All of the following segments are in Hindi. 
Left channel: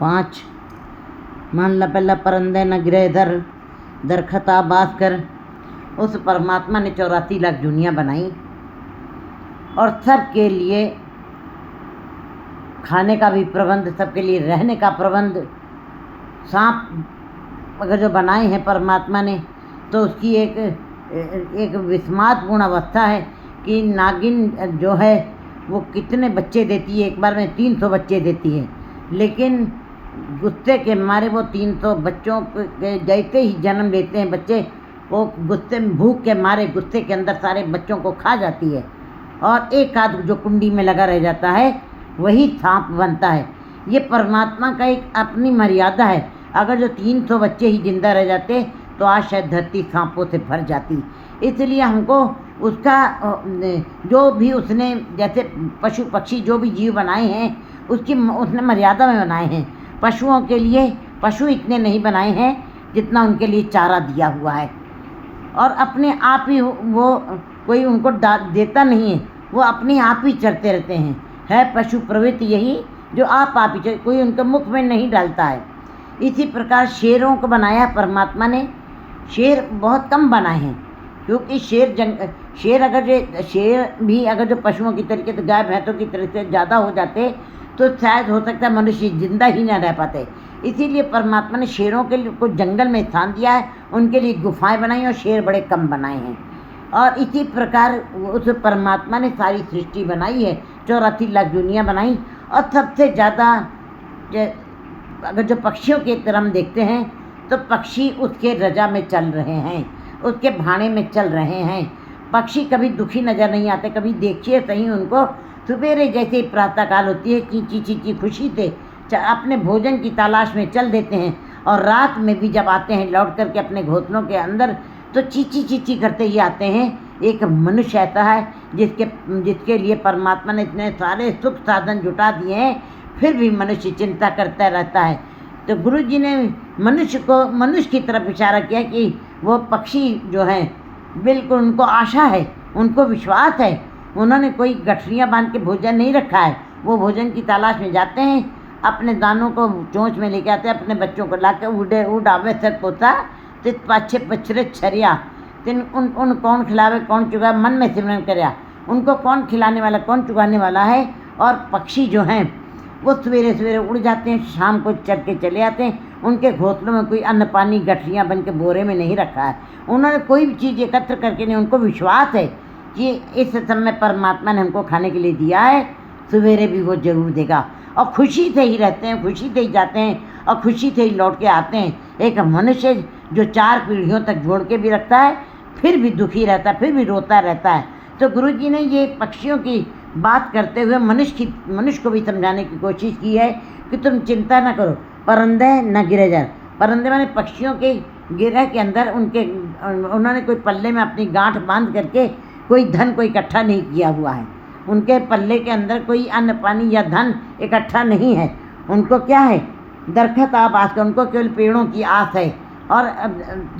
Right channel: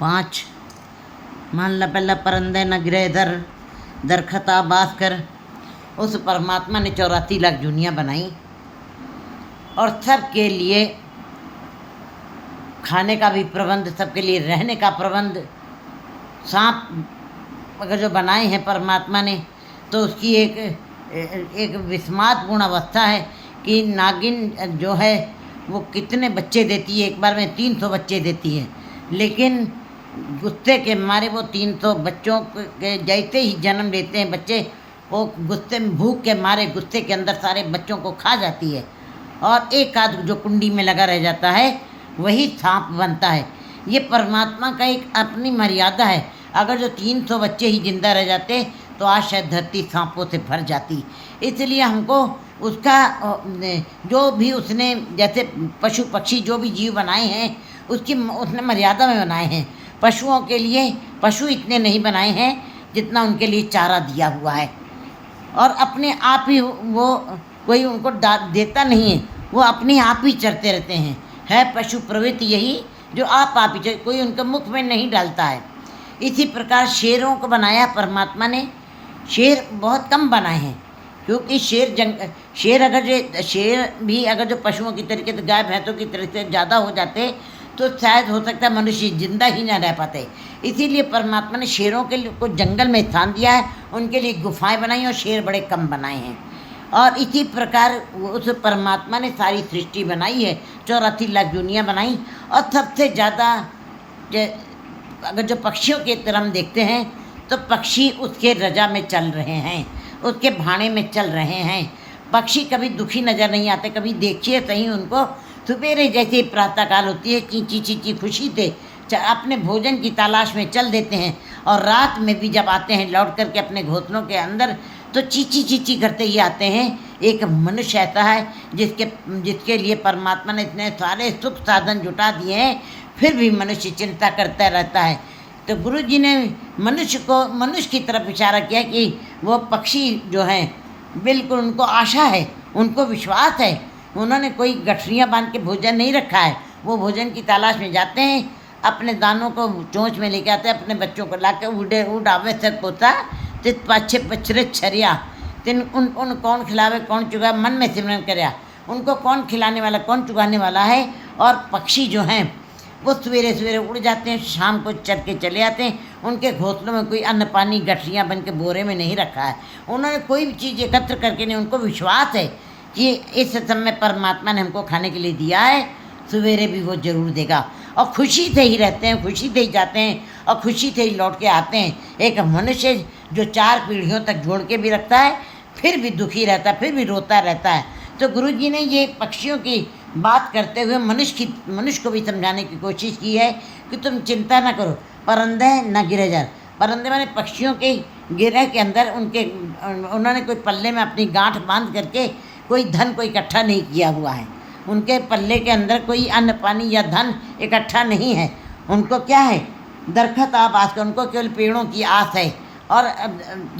5 मान ला पहला परंदे न गिरे दर दरखता बास कर। उस परमात्मा ने 84 लाख दुनिया बनाई और सबके लिए खाने का भी प्रबंध, सबके लिए रहने का प्रबंध। सांप अगर जो बनाए हैं परमात्मा ने तो उसकी एक विस्मातपूर्ण अवस्था है कि नागिन जो है वो कितने बच्चे देती है, एक बार में 300 बच्चे देती है। लेकिन गुस्से के मारे वो 300 बच्चों के जैसे ही जन्म लेते हैं बच्चे, वो गुस्से में, भूख के मारे गुस्से के अंदर सारे बच्चों को खा जाती है और एक आध जो कुंडी में लगा रह जाता है वही सांप बनता है। ये परमात्मा का एक अपनी मर्यादा है। अगर जो 300 बच्चे ही जिंदा रह जाते तो आज शायद धरती सांपों से भर जाती। इसलिए हमको उसका जो भी उसने, जैसे पशु पक्षी जो भी जीव बनाए हैं उसने मर्यादा में बनाए हैं। पशुओं के लिए पशु इतने नहीं बनाए हैं जितना उनके लिए चारा दिया हुआ है, और अपने आप ही वो कोई उनको देता नहीं है, वो अपने आप ही चरते रहते हैं। है पशु प्रवृत्ति यही जो आप ही, कोई उनके मुख में नहीं डालता है। इसी प्रकार शेरों को बनाया परमात्मा ने। शेर बहुत कम बनाए हैं क्योंकि शेर भी अगर जो पशुओं की तरीके से, गाय भैंसों की तरह से ज़्यादा हो जाते तो शायद हो सकता है मनुष्य जिंदा ही ना रह पाते। इसीलिए परमात्मा ने शेरों के लिए को जंगल में स्थान दिया है, उनके लिए गुफाएं बनाई और शेर बड़े कम बनाए हैं। और इसी प्रकार उस परमात्मा ने सारी सृष्टि बनाई है, 84 लाख दुनिया बनाई। और सबसे ज़्यादा अगर जो पक्षियों की तरह हम देखते हैं तो पक्षी उसके रजा में चल रहे हैं, उसके भाड़े में चल रहे हैं। पक्षी कभी दुखी नज़र नहीं आते। कभी देखिए सही उनको, सवेरे जैसे प्रातःकाल होती है चींची चींची खुशी से अपने भोजन की तलाश में चल देते हैं, और रात में भी जब आते हैं लौट करके अपने घोंसलों के अंदर तो चींची चींची करते ही आते हैं। एक मनुष्य ऐसा है जिसके लिए परमात्मा ने इतने सारे सुख साधन जुटा दिए हैं, फिर भी मनुष्य चिंता करता रहता है। तो गुरु जी ने मनुष्य की तरफ इशारा किया कि वो पक्षी जो हैं बिल्कुल उनको आशा है, उनको विश्वास है। उन्होंने कोई गठरियाँ बांध के भोजन नहीं रखा है, वो भोजन की तलाश में जाते हैं, अपने दानों को चोंच में लेके आते हैं, अपने बच्चों को ला के उड़ावे से पोता तित पाछे पछरे छरिया। तिन उन कौन खिलावे कौन चुगा, मन में सिमरन करया। उनको कौन खिलाने वाला कौन चुगाने वाला है। और पक्षी जो हैं वो सवेरे सवेरे उड़ जाते हैं, शाम को चढ़ के चले आते हैं। उनके घोंसलों में कोई अन्न पानी गठरियाँ बन के बोरे में नहीं रखा है। उन्होंने कोई भी चीज़ एकत्र करके नहीं, उनको विश्वास है कि इस समय परमात्मा ने हमको खाने के लिए दिया है, सवेरे भी वो ज़रूर देगा। और खुशी से ही रहते हैं, खुशी से ही जाते हैं और खुशी से ही लौट के आते हैं। एक मनुष्य जो 4 पीढ़ियों तक जोड़ के भी रखता है, फिर भी दुखी रहता है, फिर भी रोता रहता है। तो गुरु जी ने ये पक्षियों की बात करते हुए मनुष्य को भी समझाने की कोशिश की है कि तुम चिंता न करो, परंदे न गिरे जाए। परंदे माने पक्षियों के गिरह के अंदर उन्होंने कोई पल्ले में अपनी गांठ बांध करके कोई धन को इकट्ठा नहीं किया हुआ है। उनके पल्ले के अंदर कोई अन्न पानी या धन इकट्ठा नहीं है। उनको क्या है, दरखत आस कर, उनको केवल पेड़ों की आस है और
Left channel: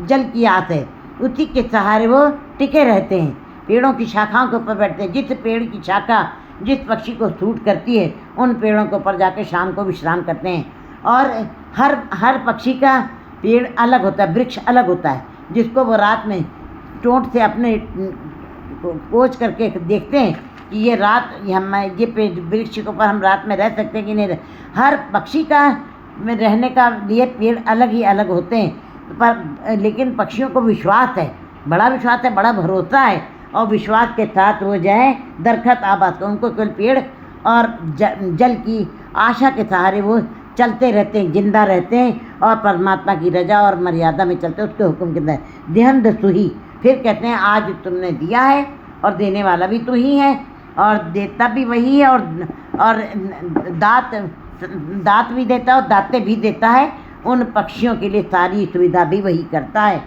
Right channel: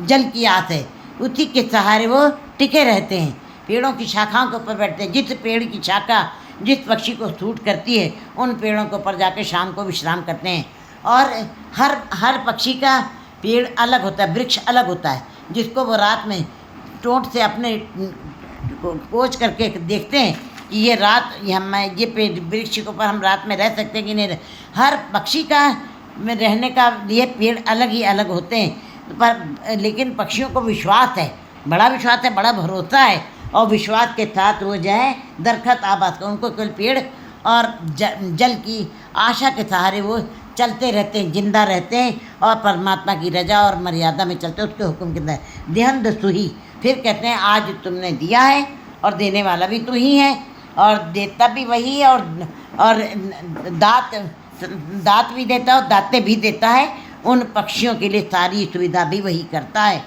जल की आस है। उसी के सहारे वो टिके रहते हैं, पेड़ों की शाखाओं के ऊपर बैठते हैं। जिस पेड़ की शाखा जिस पक्षी को सूट करती है उन पेड़ों के ऊपर जाकर शाम को विश्राम करते हैं। और हर पक्षी का पेड़ अलग होता है, वृक्ष अलग होता है, जिसको वो रात में टोंट से अपने कोच करके देखते हैं कि ये पेड़ वृक्ष के ऊपर हम रात में रह सकते हैं कि नहीं। हर पक्षी का में रहने का लिए पेड़ अलग ही अलग होते हैं, पर लेकिन पक्षियों को विश्वास है, बड़ा विश्वास है, बड़ा भरोसा है। और विश्वास के साथ वो जो है दरखत आबाद कर, उनको केवल पेड़ और जल की आशा के सहारे वो चलते रहते हैं, जिंदा रहते हैं और परमात्मा की रजा और मर्यादा में चलते हैं, उसके हुक्म के अंदर। देहन दसुही, फिर कहते हैं आज तुमने दिया है और देने वाला भी तू ही है और देता भी वही है, और दात भी देता है और दाते भी देता है। उन पक्षियों के लिए सारी सुविधा भी वही करता है।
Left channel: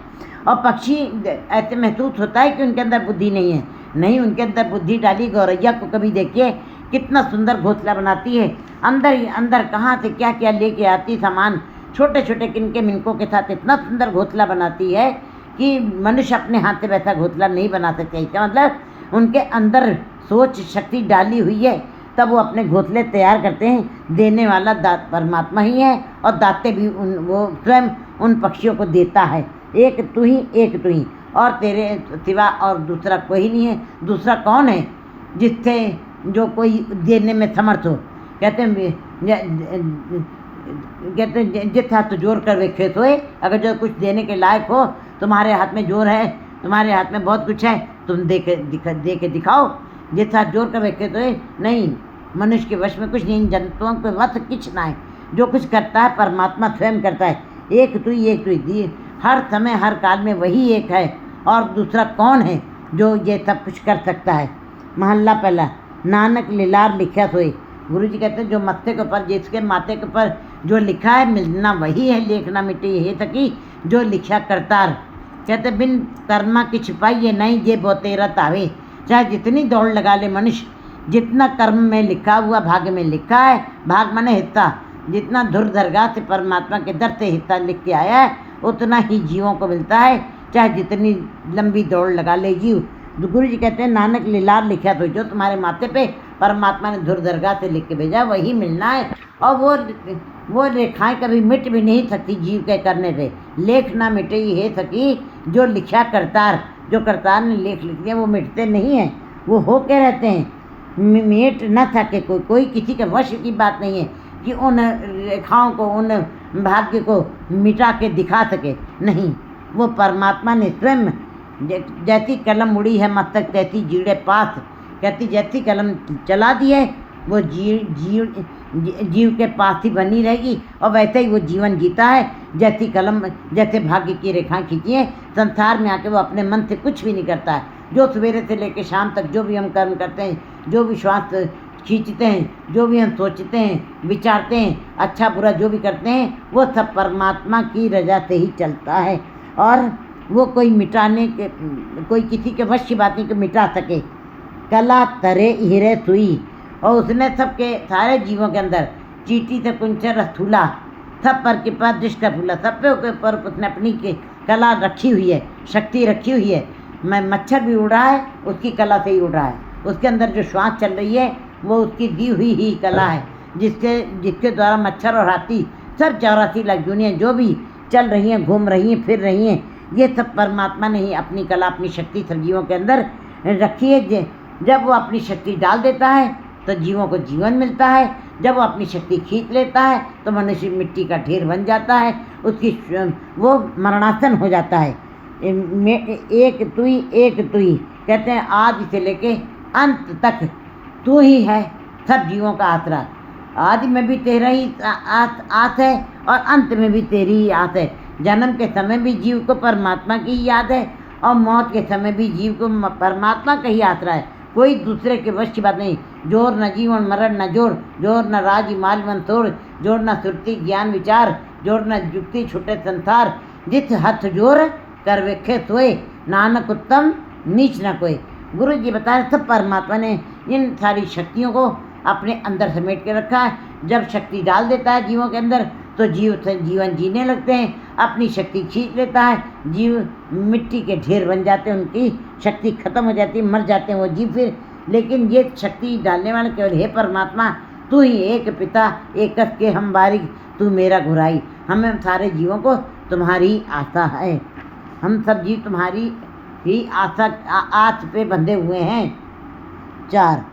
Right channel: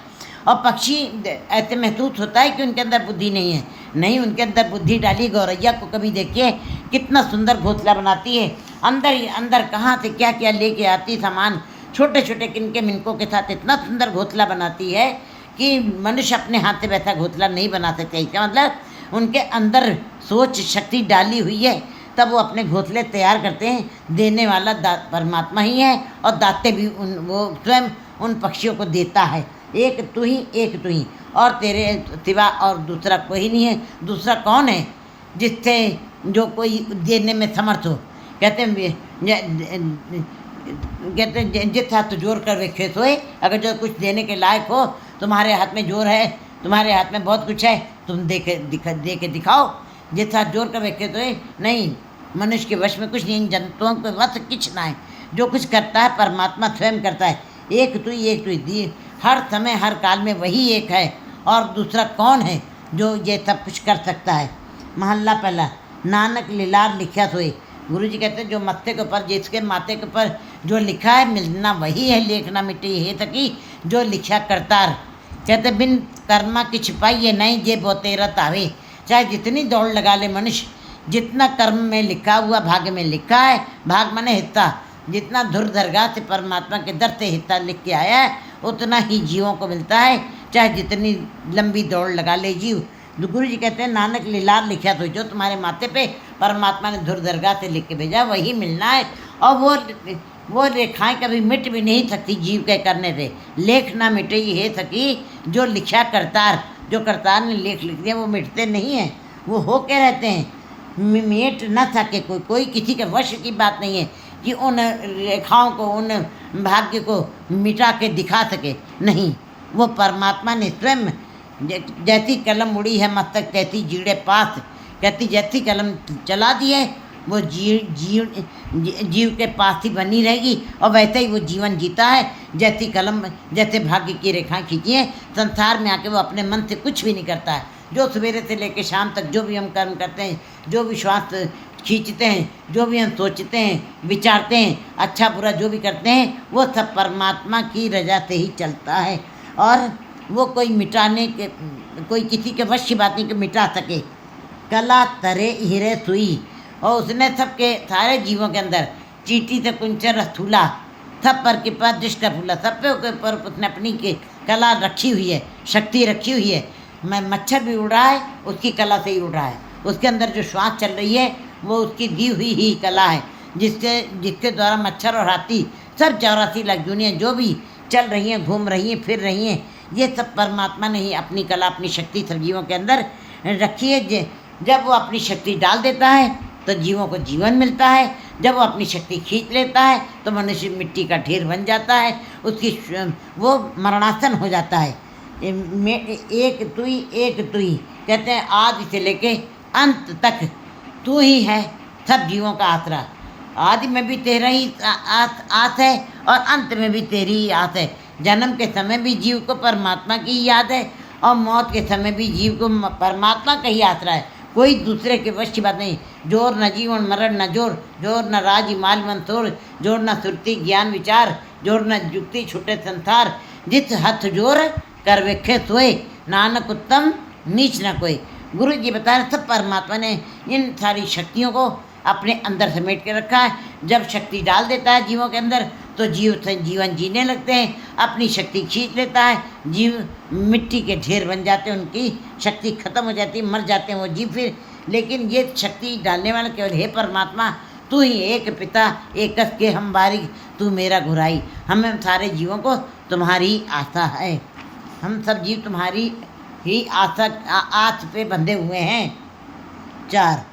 और पक्षी ऐसे महसूस होता है कि उनके अंदर बुद्धि नहीं है, नहीं, उनके अंदर बुद्धि डाली। गौरैया को कभी देखिए कितना सुंदर घोंसला बनाती है, अंदर ही अंदर कहाँ से क्या क्या लेके आती सामान, छोटे छोटे किनके मिनकों के साथ इतना सुंदर घोंसला बनाती है कि मनुष्य अपने हाथ से वैसा घोंसला नहीं बना सकते। इसका मतलब उनके अंदर सोच शक्ति डाली हुई है तब वो अपने घोंसले तैयार करते हैं। देने वाला परमात्मा ही है और दाते भी वो स्वयं उन पक्षियों को देता है। एक तू ही, एक तू ही, और तेरे सिवा और दूसरा कोई नहीं है। दूसरा कौन है जिससे जो कोई देने में समर्थ हो? कहते जिस हाथ जोर कर वेखे सोए। अगर जो कुछ देने के लायक हो, तुम्हारे हाथ में जोर है, तुम्हारे हाथ में बहुत कुछ है, तुम दे के दिखाओ। जिस हाथ जोर कर वेखे सोए, नहीं, मनुष्य के वश में कुछ नहीं, जंतुओं के वश कुछ ना है। जो कुछ करता है परमात्मा स्वयं करता है। एक तू ही, एक तू ही, हर समय हर काल में वही एक है। और दूसरा कौन है जो ये सब कुछ कर सकता है? महल्ला पहला। नानक लीलार लिखा सोए। गुरु जी कहते हैं जो मत्थे के ऊपर, जिसके माथे के ऊपर जो लिखा है, मिलना वही है, लेखना मिट्टी हे थकी जो लिखा करतार। कहते बिन कर्मा की छिपाई है नहीं जे बोतेरत आवे। चाहे जितनी दौड़ लगा ले मनुष्य, जितना कर्म में लिखा हुआ भाग्य में लिखा है, भाग माने हिस्सा, जितना धुर दरगाह से परमात्मा के दर से हिस्सा लिख के आया है, उतना ही जीवों को मिलता है, चाहे जितनी लंबी दौड़ लगा ले जीव। गुरु जी कहते हैं नानक लीलार लिखा तो जो तुम्हारे माथे पे परमात्मा ने धुर दरगाह से लिख के भेजा वही मिलना है। और वो रेखाएं कभी मिट भी नहीं सकती जीव के करने से। लेख ना मिटे हे सकी जो लिखा करतार। जो करतार ने लेख लिख दिया वो मिटते नहीं हैं, वो होके रहते हैं। मिट न सके कोई किसी के वश की बात नहीं है कि उन रेखाओं को, उन भाग्य को मिटा के दिखा सके। नहीं, वो परमात्मा ने स्वयं, जैसी कलम उड़ी है मस्तक तैसी जीड़े पास। कहती जैसी कलम चला दी है वो जीव के पास ही बनी रहेगी, और वैसे ही वो जीवन जीता है। जैसी कलम, जैसे भाग्य की रेखा खींची है, संसार में आके वो अपने मन से कुछ भी नहीं करता है। जो सवेरे से लेकर शाम तक जो भी हम कर्म करते हैं, जो भी श्वास खींचते हैं, जो भी हम सोचते हैं, विचारते हैं, अच्छा बुरा जो भी करते हैं, वो सब परमात्मा की रजा से ही चलता है। और वो कोई मिटाने के, कोई किसी के वश की बात नहीं कि मिटा सके। कला तरे हीरे सुई। और उसने सबके सारे जीवों के अंदर चीटी से कुंचर स्थूला सब पर कृपा दृष्ट फूला, सब पे ऊपर उसने अपनी के कला रखी हुई है, शक्ति रखी हुई है। मैं मच्छर भी उड़ रहा है उसकी कला से ही उड़ रहा है। उसके अंदर जो श्वास चल रही है वो उसकी दी हुई ही कला है, जिसके द्वारा मच्छर और हाथी सब 84 लाख दुनिया जो भी चल रही हैं, घूम रही हैं, फिर रही हैं, ये सब परमात्मा ने ही अपनी कला, अपनी शक्ति सब जीवों के अंदर रखी है। जब वो अपनी शक्ति डाल देता है तो जीवों को जीवन मिलता है। जब वो अपनी शक्ति खींच लेता है तो मनुष्य मिट्टी का ढेर बन जाता है, उसकी वो मरणासन हो जाता है। एक तू ही, एक तू ही। कहते हैं आदि से लेके अंत तक तू ही है सब जीवों का आसरा। आदि में भी तेरा ही आस है और अंत में भी तेरी ही आस है। जन्म के समय भी जीव को परमात्मा की याद है और मौत के समय भी जीव को परमात्मा का ही आसरा है। कोई दूसरे के वश की बात नहीं। जोर न जीवन मरण न जोर, जोर न राज माल मंथोर, जोर न सुरती ज्ञान विचार, जोर न जुक्ति छुटे संसार। जिस हथ जोर कर वेखे सोए, नानक उत्तम नीच न कोई। गुरु जी बता रहे सब परमात्मा ने इन सारी शक्तियों को अपने अंदर समेट के रखा है। जब शक्ति डाल देता है जीवों के अंदर तो जीवन जीने लगते हैं, अपनी शक्ति खींच लेता है, जीव मिट्टी के ढेर बन जाते हैं, उनकी शक्ति खत्म हो जाती है, मर जाते हैं वो जीव फिर। लेकिन ये शक्ति डालने वाला केवल हे परमात्मा, तू ही एक पिता एक के हम बारिक, तू मेरा घुराई। हमें सारे जीवों को तुम्हारी आशा है, हम सब जीव तुम्हारी ही आस पे बंधे हुए हैं। 4